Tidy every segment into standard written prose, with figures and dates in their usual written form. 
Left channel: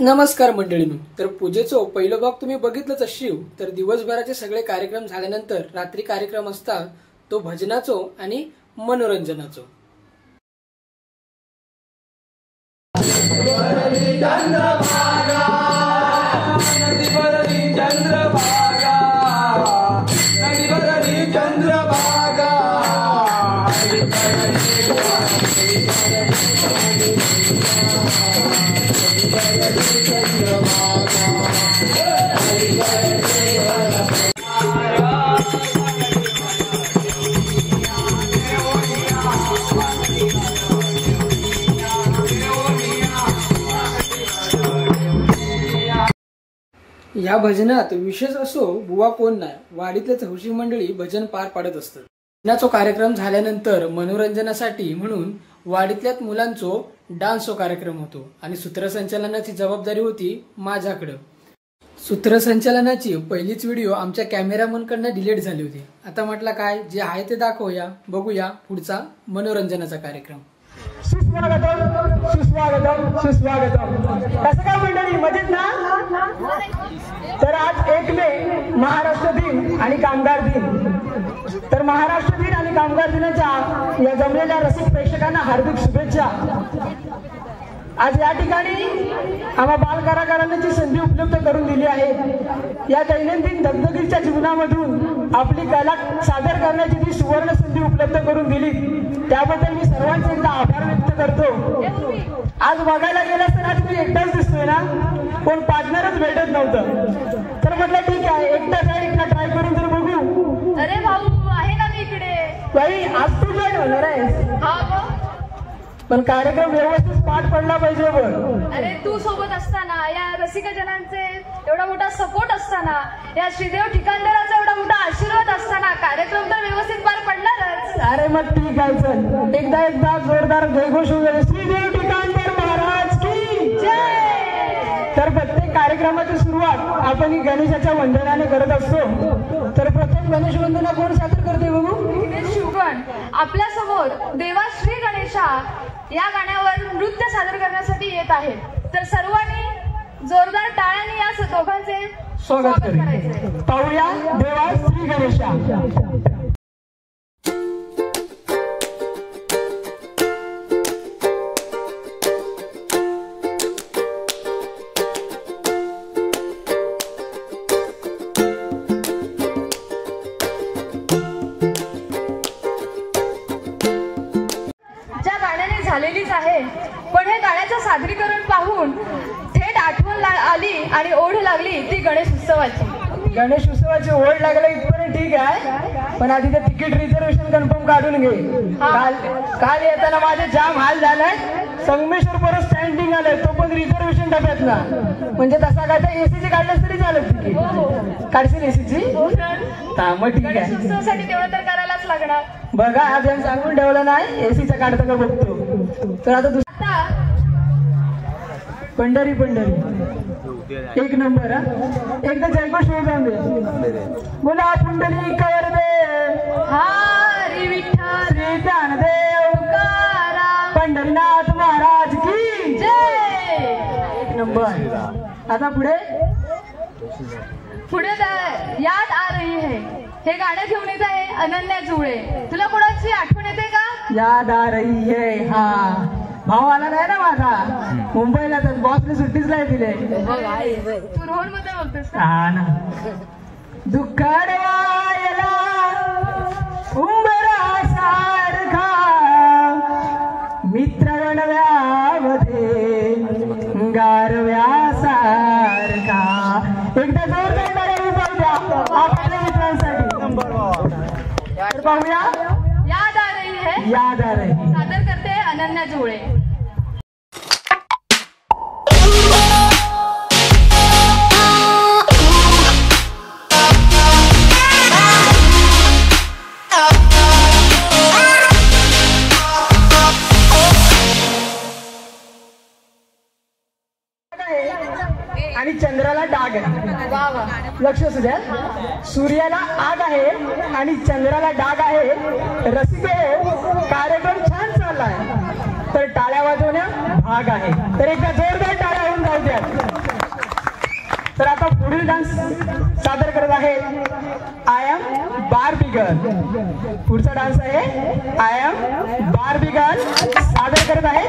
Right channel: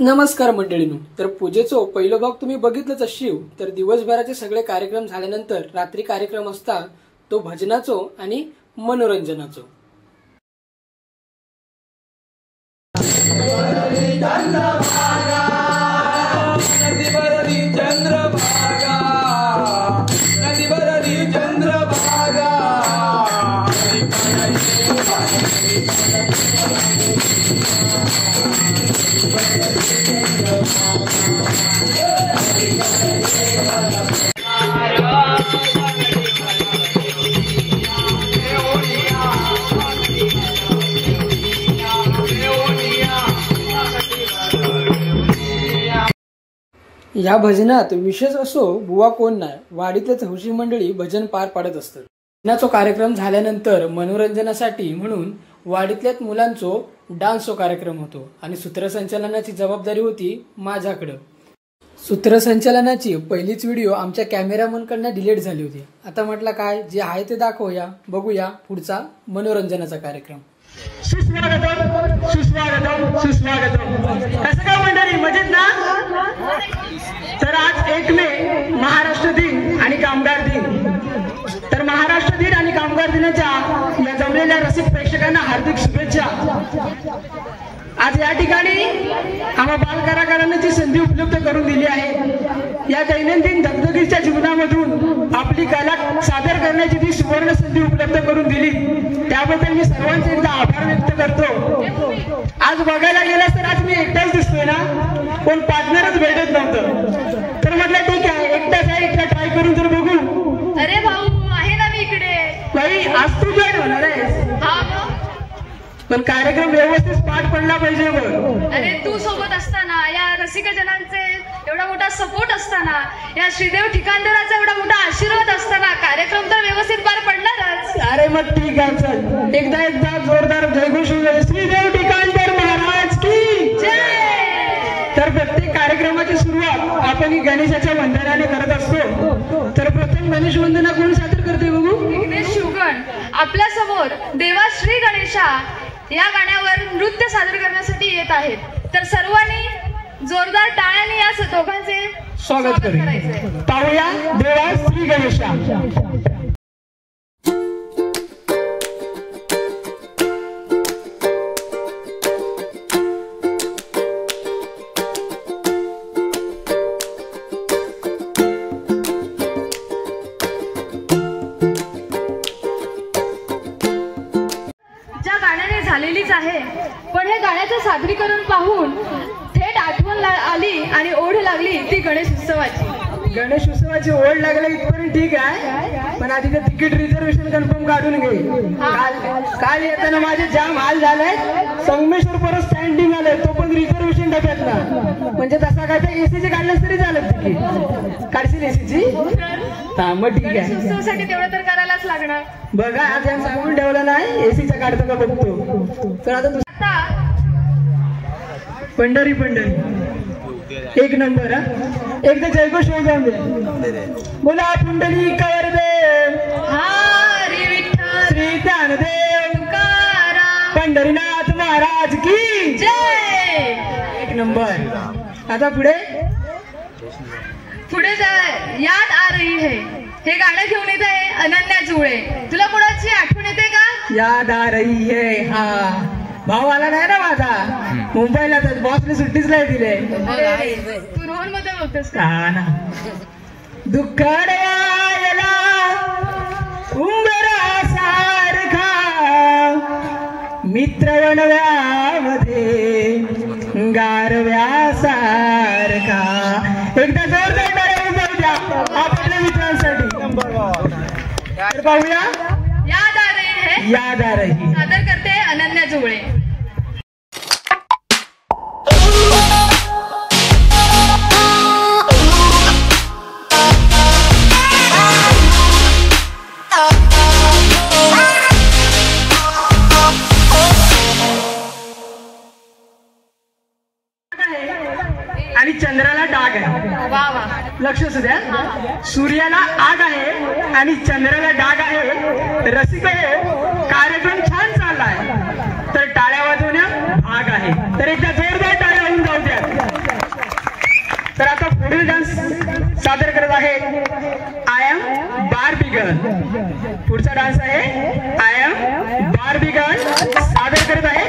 नमस्कार मंडळींनो, तर पूजेचो पहिलो भाग तुम्ही बघितलंच अशीव. तर दिवसभराचे सगळे कार्यक्रम झाल्यानंतर रात्री कार्यक्रम असता तो भजनाचो आणि मनोरंजनाचो. या भजनात विशेष असो बुवा कोण नाही, वाडीतलेच हौशी मंडळी भजन पार पाडत असतात. भजनाचो कार्यक्रम झाल्यानंतर मनोरंजनासाठी म्हणून वाडीतल्याच मुलांचो डान्सचो कार्यक्रम होतो आणि सूत्रसंचालनाची जबाबदारी होती माझ्याकडे. सूत्रसंचालनाची पहिलीच व्हिडिओ आमच्या कॅमेरामनकडनं डिलीट झाली होती. आता म्हटलं काय जे आहे ते दाखवूया, बघूया पुढचा मनोरंजनाचा कार्यक्रम. सुस्वागतम सुस्वागतम सुस्वागतम. कसं काय मंडळी, मजेत ना? तर आज 1 मे महाराष्ट्र दिन आणि कामगार दिन. तर महाराष्ट्र दिन आणि कामगार दिनाच्या या जमलेल्या रसिक प्रेक्षकांना हार्दिक शुभेच्छा. आज या ठिकाणी आम्हा बालकलाकारांना जी संधी उपलब्ध करून दिली आहे, या दैनंदिन दगदगीच्या जीवनामधून आपली कला सादर करण्याची जी सुवर्ण संधी उपलब्ध करून दिली, त्याबद्दल मी सर्वांचे एकदा आभार व्यक्त करतो. आज बघायला गेल्यास तर आज मी एकटाच दिसतोय ना, पण पार्टनरच भेटत नव्हतं. तर म्हटलं ठीक आहे, एकटा ट्राय करून तर बघू. अरे भाऊ, आहे ना मी इकडे. नाही, आज तू जॉईन होणार आहेस. पण कार्यक्रम व्यवस्थित पार पडला पाहिजे बघ. अरे तू सोबत असताना, या रसिक जनांचे एवढा मोठा सपोर्ट असताना, या श्रीदेव ठिकाणदाराचा एवढा मोठा आशीर्वाद असताना कार्यक्रम तर व्यवस्थित पार पडणारच. अरे मग ठीक आहे, चल एकदा जोरदार जयघोष श्रीदेव ठिकाणदार महाराज की जय. तर प्रत्येक कार्यक्रमाची सुरुवात आपण ही गणेशाच्या वंदनाने करत असतो. तर प्रथम गणेश वंदना कोण सादर करते बघू? विघ्नेश शिवगण आपल्या समोर देवा श्री गणेशा या गाण्यावर नृत्य सादर करण्यासाठी येत आहेत. तर सर्वांनी जोरदार टाळ्यांनी या दोघांचे स्वागत करूया. पाहूया देवा श्री गणेशा. झालेलीच आहे, पण हे गाण्याचं सादरीकरण पाहून थेट आठवण आली आणि ओढ लागली ती गणेश उत्सवाची ओढ लागली इथपर्यंत ठीक आहे, पण आधी तर तिकीट रिझर्वेशन कन्फर्म काढून घे. काल येताना माझे जाम हाल झालाय. संगमेश्वर परत स्टँडिंग आलं, तो पण रिझर्वेशन डब्यात ना. म्हणजे तसा काय एसीची काढलं तरी झालं तिकीट. काढशील एसीची? हा मग ठीक आहे, तेवढं तर करायलाच लागणार. बघा आज यांनी सांगून ठेवलं नाही, एसीचं काढतं का बघतो. तर आता पंढरी एक नंबर. एकदा जयघोष जाऊन दे. बोला पुंडली कवर दे हरी विठ्ठल श्री ज्ञानदेव पंढरीनाथ महाराज की जय. 1 नंबर. आता पुढे याद आ रही है हे गाणं घेऊन येत आहे अनन्या जुळे. तुला कोणाची आठवण येते का? याद आ रही है. हा भाऊ आला नाही ना माझा, मुंबईला. तर बॉसने सुट्टीच नाही दिले. तू रोहन मध्ये होतेस का? हा ना. दुःख अडवायला उंबरा सारखा मित्र वनव्यामध्ये गारव्या सारखा. एकदा जोरदार टाळ्या जाऊ द्या आपल्या मित्रांसाठी. पाहूया याद आ रही है, याद आ रही सादर करते अनन्या जुळे. आणि चंद्राला डाग आहे. लक्ष असू द्या, सूर्याला आग आहे आणि चंद्राला डाग आहे. रसिक कार्यक्रम छान चाललाय, तर टाळ्या वाजवण्या भाग आहे. तर एकदा जोरदार टाळ्या होऊन जाऊ द्या. पुढचा डान्स आहे आय एम बार्बी गर्ल, सादर करत आहे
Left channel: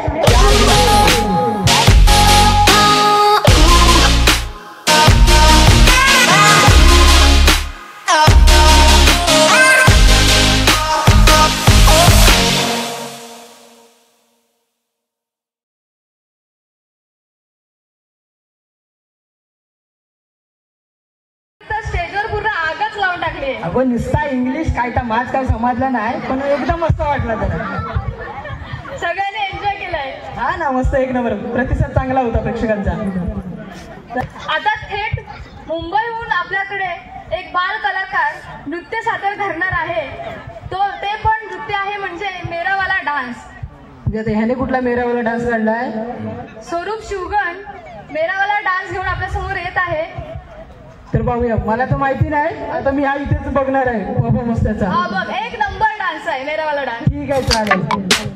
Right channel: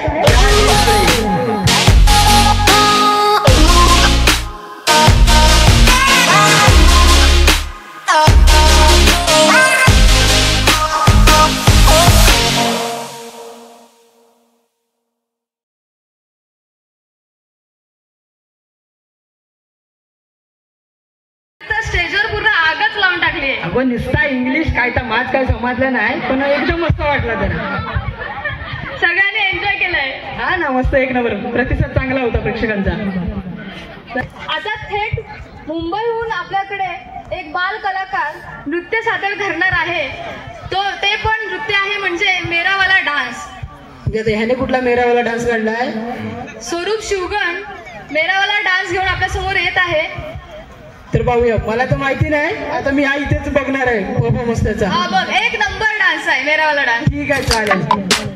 स्टेजवर पूर्ण आगच लावून टाकली आहे. आपण नुसता इंग्लिश काय तर माझ काय समजलं नाही, पण एकदम मस्त वाटलं त्याला. सगळ्यांनी एन्जॉय केलंय. हा ना, मस्त एक नंबर प्रतिसाद चांगला होता प्रेक्षकांचा. आता थेट मुंबईहून आपल्याकडे एक बाल कलाकार नृत्य सादर करणार आहे. ते पण नृत्य आहे म्हणजे मेरावाला डान्स. ह्याने कुठला मेरावाला डान्स काढलाय? स्वरूप शिवगण मेरावाला डान्स घेऊन आपल्या समोर येत आहे. तर पाहूया. मला तर माहिती नाही, आता मी इथेच बघणार आहे परफॉर्मन्स त्याचा. हा बघ, एक नंबर डान्स आहे मेरावाला डान्स. ठीक आहे, चालेल.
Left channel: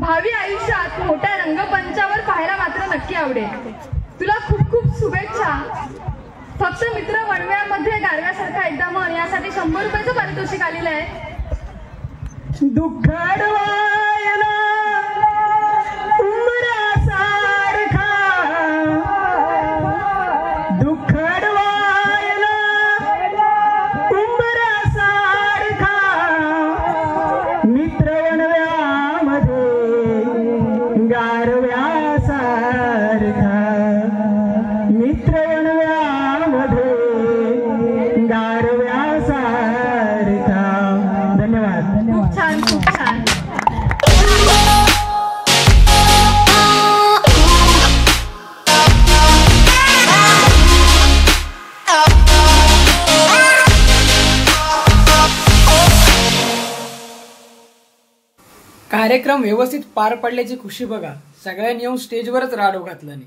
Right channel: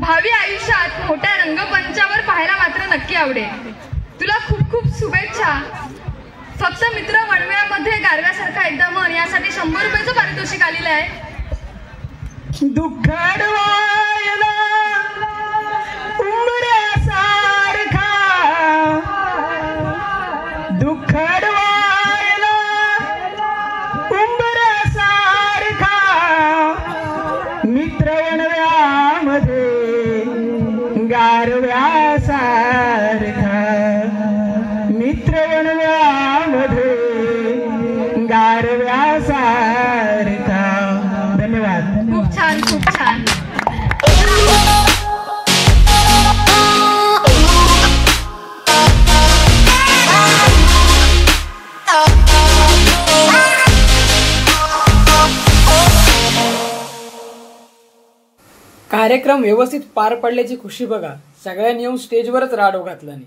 भावी आयुष्यात मोठ्या रंगमंचावर पाहायला मात्र नक्की आवडेल. तुला खूप खूप शुभेच्छा. फक्त मित्र वनवेळामध्ये गारव्यासारखा एकदा मन यासाठी 100 रुपयाचं पारितोषिक आलेलं आहे. दुःखडवायला उंबऱ्यासारखा, दुःखडवायला उंबऱ्यासारखा मित्र वनव्यामध्ये गारव्यासारखा, मित्र वनव्यामध्ये गारव्यासारखा. धन्यवाद. खूप छान, खूप छान. कार्यक्रम व्यवस्थित पार पडल्याची खुशी बघा. सगळ्यांनी येऊन स्टेजवरच राडो घातला नाही.